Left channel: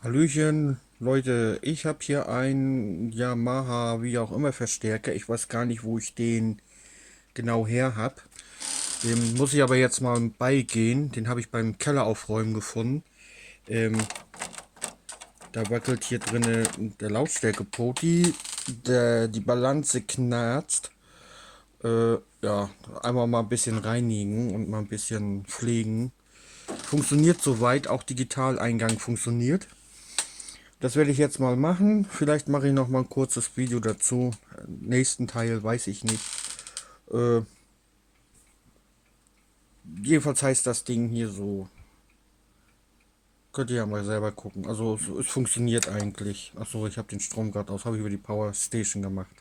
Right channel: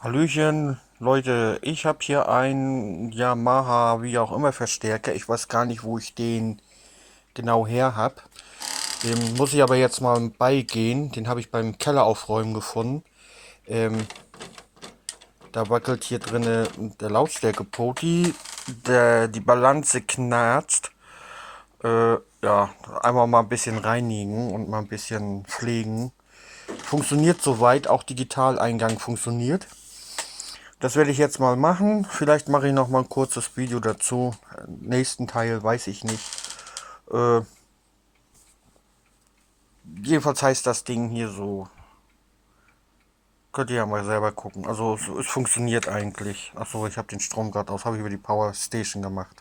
Hallöchen, Leute, ich habe hier einen Yamaha, wie auch immer, Verstärker. Ich weiß gar nicht, wo ich den genau her habe. Dem muss ich aber jetzt mal beigehen. Den habe ich beim Keller aufräumen gefunden. Ähm, Da wackelt hier drinne der Lautstärke-Poti. Die Balance knarzt. Ja, einmal mal ein bisschen reinigen und mal ein bisschen pflegen. Funktioniert soweit, auch Digitaleingang funktioniert. Das werde ich jetzt mal machen. Vielleicht mache ich noch mal ein kurzes Video dazu. Nächsten Teil weiß ich nicht. Äh, Jedenfalls heißt das Ding hier so. Könnt ihr ja mal selber gucken. Also es funktioniert eigentlich. Achso, ich habe den Strom gerade aus. Habe ich über die Power Station gemacht.